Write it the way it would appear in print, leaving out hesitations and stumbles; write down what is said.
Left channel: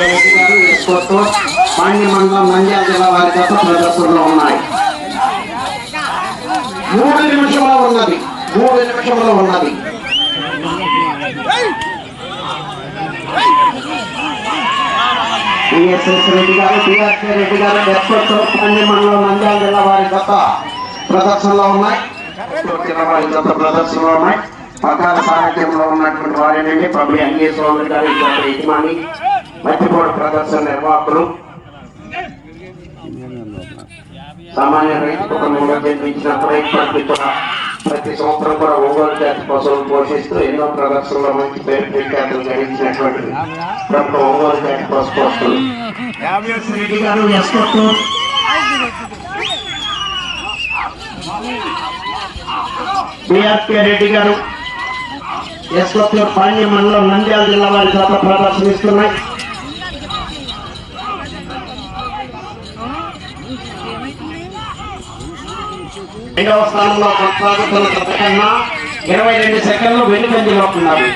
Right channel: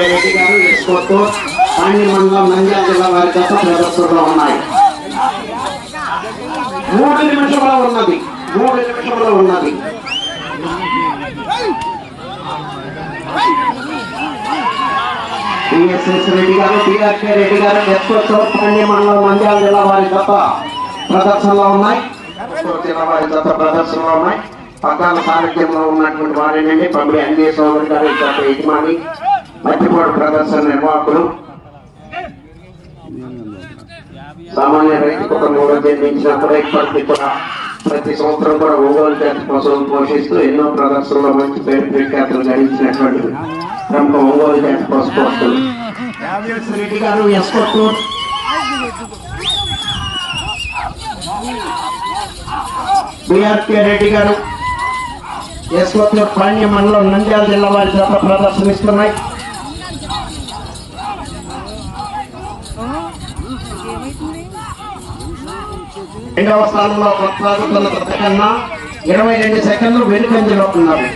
రెడ్డి గారు ఎస్కోతో పాండ్య మండలం నంద్యాల జిల్లా వారి గత ప్రదర్శనలో ఉన్నాయి. 3 నిమిషంలో ఉన్నది. టిఎస్ఎస్ రెడ్డి గారు టిఆర్కే రెడ్డి గారు ఎస్కోతో పాండ్య మండలం నంద్యాల జిల్లా వారి గత ప్రదర్శనలో ఉన్నాయి. పట్టాల సారథ్యంలో ఉన్నటువంటి వారేనండి పబ్లి అన్ని సోదరి గారి యజమాని మధ్యకోటి ప్రదర్శన నిర్వాహకులు. సామాన్య రైతు కుటుంబంలో జన్మించినప్పుడే ఇప్పటికీ కూడా ప్రతి సంవత్సరం కూడా ఒంగోలు జాతి పశువులు పోషిస్తూ ఎన్నో ప్రదర్శనలో మంచి పేరు ప్రఖ్యాతులు గడించినటువంటి ప్రముఖ ఒంగోలు జాతి పశు పోషకులు రెడ్డి గారు ఎస్కోట్టు బిఆర్కే రెడ్డి గారు ఎస్కోట్టు పాండ్య మండలం నంద్యాల జిల్లా వారి గత ప్రదర్శనిస్తున్నాయి. రెండవ స్థానంలో కొనసాగుతున్న గత కన్నా 22 సెకండ్లు వెనుకంజలో ఉన్నారు.